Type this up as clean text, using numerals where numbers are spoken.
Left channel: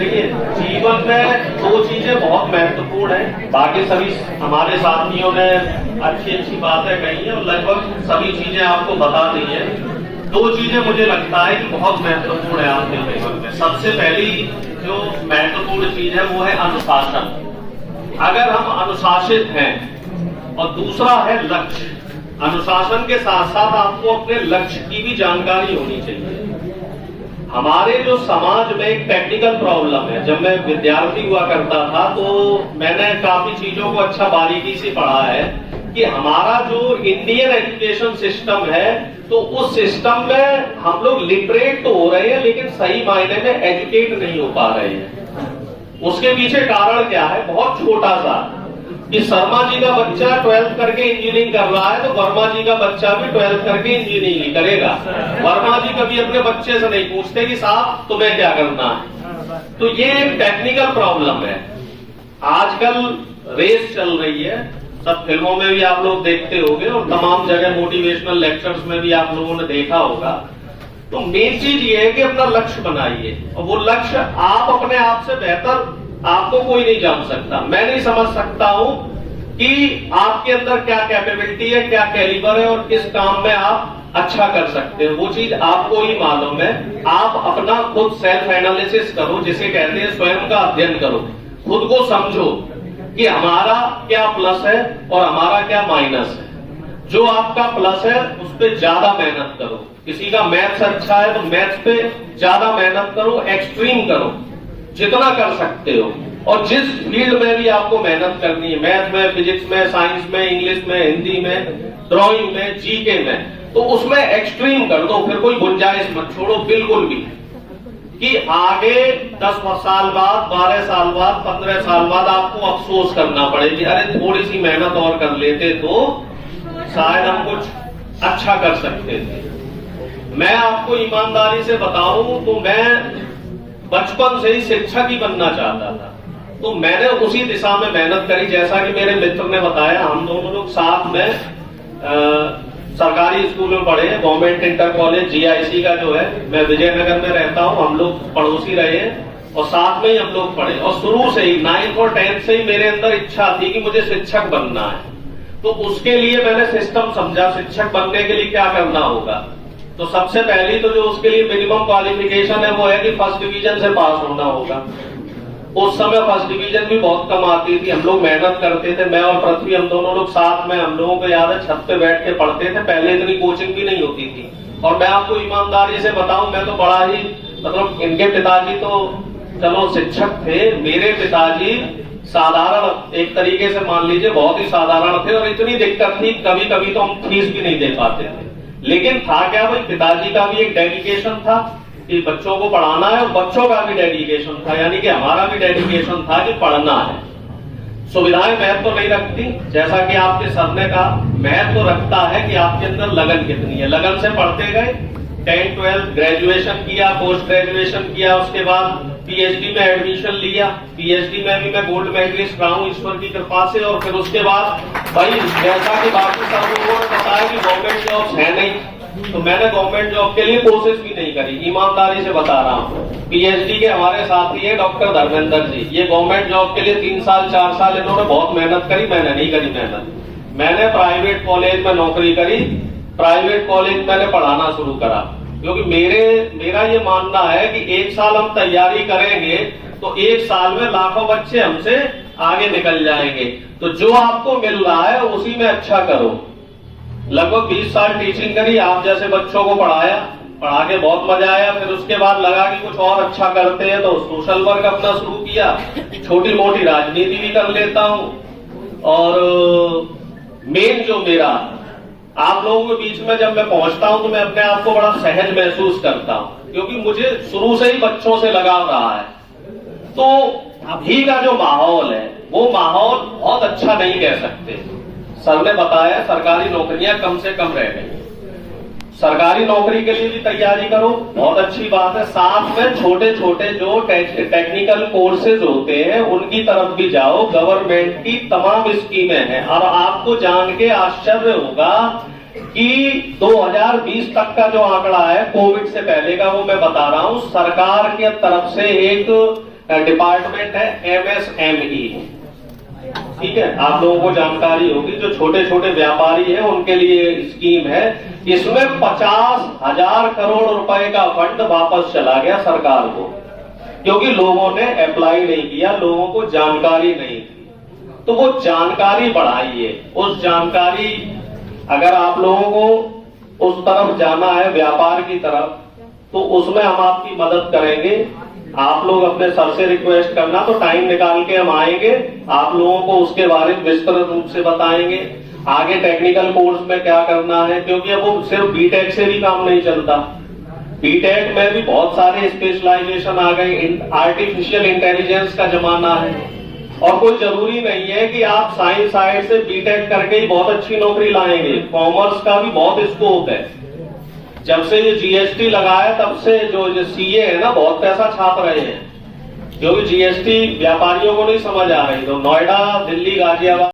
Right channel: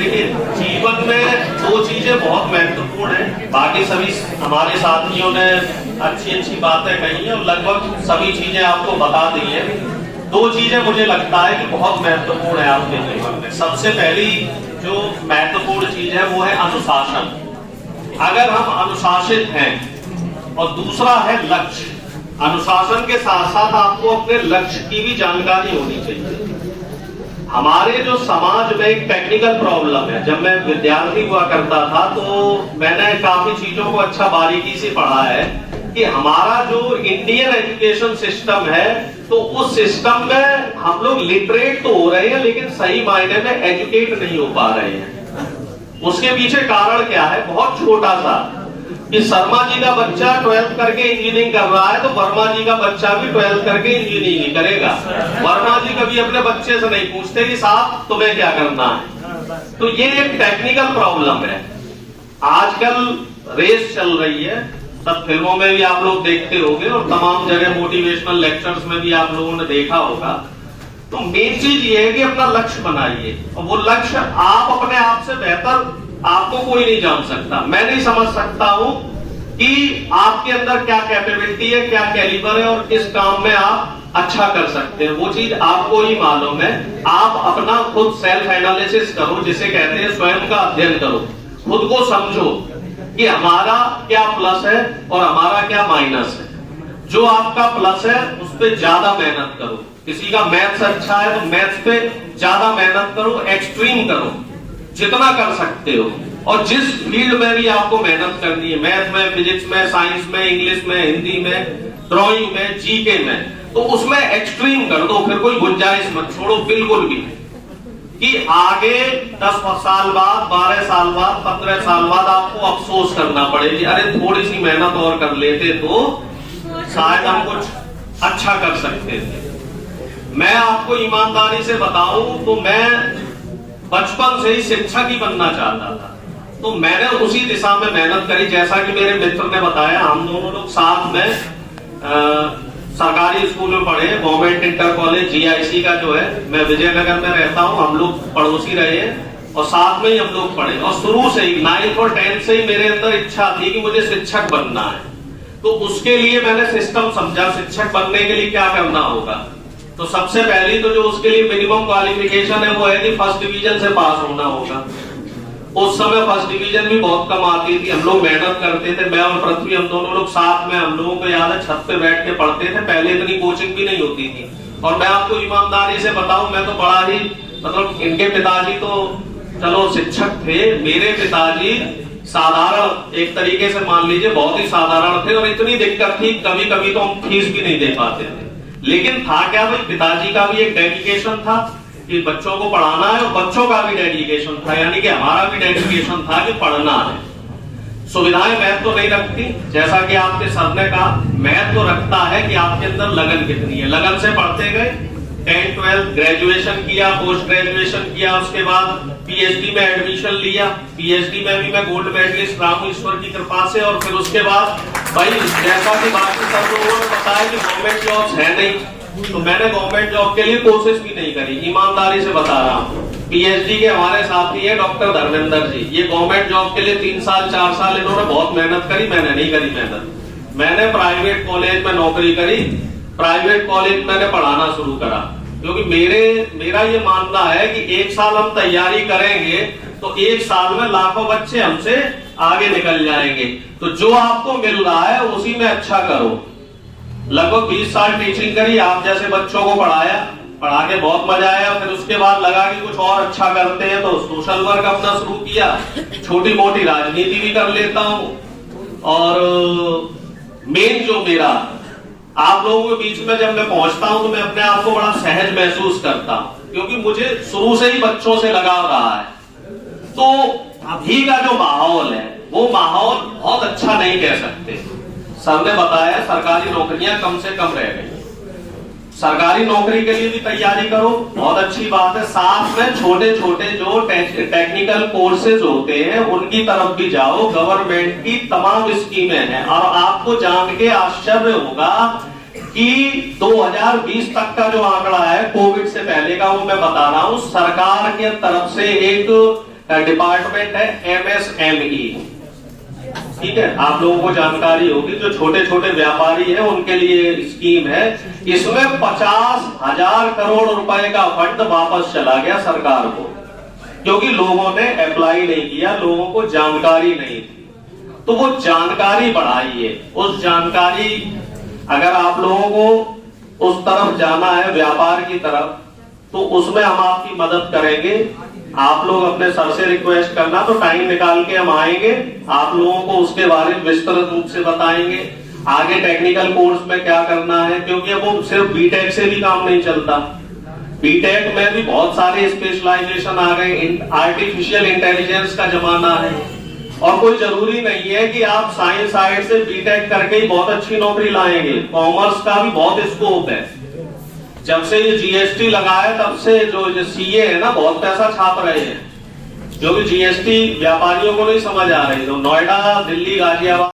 देखिए, जीवन में दो चीजें बहुत महत्वपूर्ण हैं। बाकी सभी हमारे साथियों ने अच्छी अच्छी बातें कही हैं और लगभग सभी चीजें आपको बता दी हैं। दो चीजें मुझे लगता है कि बहुत महत्वपूर्ण है आपके जीवन में। सबसे पहली जो महत्वपूर्ण चीज है वो है अनुशासन। अगर हम अनुशासित हैं, और दूसरा है लक्ष्य। अनुशासन के साथ साथ आपको अपने लक्ष्य की भी जानकारी होनी चाहिए। हमारे जो समाज में एक टेक्निकल प्रॉब्लम है, जब मैं विद्यार्थी हुआ करता था तो मैंने काफी चीजों को अच्छा बारीकी से पढ़ा है कि हमारा जो इंडियन एजुकेशन सिस्टम है, तो उस सिस्टम में हम लोग लिटरेट तो हो रहे हैं लेकिन सही मायने में एजुकेट नहीं हो पा रहे हैं। उसके पीछे कारण क्या है? बहुत छोटा सा, कि शर्मा जी का बच्चा 12th करके इंजीनियरिंग कर रहा है तो वर्मा जी का बच्चा भी 12th करके इंजीनियरिंग करेगा। वर्मा जी कभी अपने बच्चे से नहीं पूछते कि साहब तुम्हें क्या करना है। तो ये एक टेक्निकल प्रॉब्लम है। आजकल रेस चल रही है, सब फिल्मों में भी आप लोग देखते होंगे और तमाम जगह मोटिवेशनल लेक्चर्स में भी आप लोगों ने देखा होगा। तो मेन चीज ये है कि अपना लक्ष्य बनाइए, और वो लक्ष्य आप अपने आप से बेहतर आपको कोई नहीं जान सकता। मैं नहीं समझ सकता हूं कि आपके अंदर क्या कैपेबिलिटी है, क्या कैलिबर है और किस काम में आप अच्छा कर सकते हैं। वो चीज आपको ही मालूम है। आप अपना खुद सेल्फ एनालिसिस करो, जिसे कहते हैं स्वयं का अध्ययन करो। खुद को समझो कि हमारा क्या प्लस है और हमारा क्या माइनस है। जो आपका प्लस है उस पर ज्यादा मेहनत करो। किसी का मैथ्स अच्छा है तो मैथ्स पे ज्यादा मेहनत करो, एक्सट्रीम करो जितना कर सकते हो। और जिस फील्ड में भी आपको मेहनत करनी है, मैथ में, फिजिक्स में, साइंस में, इंग्लिश में, हिंदी में, ड्राइंग में, जीके में, तो उसमें एक्सट्रीम कर दो। फिर कोई गुंजाइश मत छोड़ो बिल्कुल भी कि आगे 10 साल बाद, 12 साल बाद, 15 साल बाद आपको अफसोस करना पड़ेगी, अरे थोड़ी सी मेहनत और कर लेते तो शायद हम कुछ अच्छा कर सकते थे। मैं आपको ईमानदारी से बताऊं तो मैं बचपन से ही शिक्षक ही बनना चाहता था, तो मैंने उसी दिशा में मेहनत करी। जैसा कि मेरे मित्र ने बताया, हम दोनों लोग साथ में सरकारी स्कूल में पढ़े, गवर्नमेंट इंटर कॉलेज जीआईसी का जो है, मैं विजयनगर में रहता हूं, हम लोग पड़ोसी रहे हैं और साथ में ही हम लोग पढ़े। और शुरू से ही 9th और 10th से ही मेरे अंदर इच्छा थी कि मुझे शिक्षक बनना है। तो उसके लिए मैंने सिस्टम समझा, शिक्षक बनने के लिए क्या करना होगा। तो सबसे पहली तो जो उसके लिए मिनिमम क्वालिफिकेशन है वो है कि फर्स्ट डिवीजन से पास होना होगा। उस समय फर्स्ट डिवीजन भी बहुत कम आती थी। हम लोग मेहनत करते थे, मैं और पृथ्वी, हम दोनों लोग साथ में, हम लोगों को याद है छत पे बैठ के पढ़ते थे। पहले इतनी कोचिंग भी नहीं होती थी। और मैं आपको ईमानदारी से बताऊं, मैं तो बड़ा ही मतलब, इनके पिताजी तो चलो शिक्षक थे, मेरे पिताजी साधारण, एक तरीके से मान लीजिए बहुत ही साधारण थे। और इतनी दिक्कत थी, कभी कभी तो हम फीस भी नहीं दे पाते थे। लेकिन था क्या भाई, पिताजी का भी एक डेडिकेशन था कि बच्चों को पढ़ाना है, और बच्चों का भी डेडिकेशन था, यानी कि हमारा भी डेडिकेशन था कि पढ़ना है। सुविधाएं महत्व तो नहीं रखती, जैसा कि आपके सर ने कहा, महत्व तो रखता है कि आपके अंदर लगन कितनी है। लगन से पढ़ते गए, 10th 12th ग्रेजुएशन किया, पोस्ट ग्रेजुएशन किया, उसके बाद पीएचडी में एडमिशन लिया। पीएचडी में भी मैं गोल्ड मेडलिस्ट रहा हूं ईश्वर की कृपा से। और फिर उसके बाद भाई, जैसा कि बाकी सब लोगों ने बताया कि गवर्नमेंट जॉब्स है नहीं, तो मैंने गवर्नमेंट जॉब के लिए कोशिश भी नहीं करी, ईमानदारी से बता रहा हूँ। पीएचडी के हमारे साथी है डॉक्टर धर्मेंद्र जी, ये गवर्नमेंट जॉब के लिए 3 साल 4 साल इन्होंने बहुत मेहनत करी, मैंने नहीं करी मेहनत। मैंने प्राइवेट कॉलेज में नौकरी करी, प्राइवेट कॉलेज मैंने पढ़ाना शुरू करा, क्योंकि मेरा ये मानना है कि 1 साल हम तैयारी करेंगे तो 1 साल में लाखों बच्चे हमसे आगे निकल जाएंगे। तो जो आपको मिल रहा है उसी में अच्छा करो। लगभग 20 साल टीचिंग करी, आप जैसे बच्चों को पढ़ाया, पढ़ा के बहुत मजा आया। फिर उसके बाद लगा कि कुछ और अच्छा करते हैं तो सोशल वर्क अपना शुरू किया, छोटी मोटी राजनीति भी कर लेता हूं। और मेन जो मेरा, आप लोगों के बीच में जब मैं पहुंचता हूं तो मैं अपने आप को बड़ा सहज महसूस करता हूं, क्योंकि मुझे शुरू से ही बच्चों से लगाव रहा है। तो अभी का जो माहौल है वो माहौल बहुत अच्छा नहीं कह सकते। सर ने बताया सरकारी नौकरियां कम से कम रह गई, सरकारी नौकरी के लिए भी तैयारी करो, बहुत अच्छी बात है। साथ में छोटे छोटे जो टेक्निकल कोर्सेज होते हैं उनकी तरफ भी जाओ। गवर्नमेंट की तमाम स्कीमें हैं और आपको जान के आश्चर्य होगा कि 2020 तक का जो आंकड़ा है कोविड से पहले का, वो मैं बता रहा हूं, सरकार की तरफ से एक का डिपार्टमेंट है MSME। ठीक है, आप लोगों को जानकारी होगी, जो छोटे छोटे व्यापारी हैं उनके लिए स्कीम है। इसमें 50,000 करोड़ रुपए का फंड वापस चला गया सरकार को, क्योंकि लोगों ने अप्लाई नहीं किया, लोगों को जानकारी नहीं थी। तो वो जानकारी बढ़ाइए। उस जानकारी, अगर आप लोगों को उस तरफ जाना है, व्यापार की तरफ, तो उसमें हम आपकी मदद करेंगे। आप लोग अपने सर से रिक्वेस्ट करना, तो टाइम निकाल के हम आएंगे, आप लोगों को उसके बारे में विस्तृत रूप से बताएंगे, आगे टेक्निकल कोर्स में क्या करना है, क्योंकि अब वो सिर्फ बीटेक से भी काम नहीं चलता। बीटेक में भी बहुत सारे स्पेशलाइजेशन आ गए, आर्टिफिशियल इंटेलिजेंस का जमाना है, और कोई जरूरी नहीं है कि आप साइंस साइड से बीटेक करके ही बहुत अच्छी नौकरी लाएंगे। कॉमर्स का भी बहुत स्कोप है। जब से ये जीएसटी लगा है तब से जो सीए है ना, बहुत पैसा छाप रहे हैं, क्योंकि जीएसटी व्यापारियों को नहीं समझ आ रही। तो नोएडा, दिल्ली, गाजियाबाद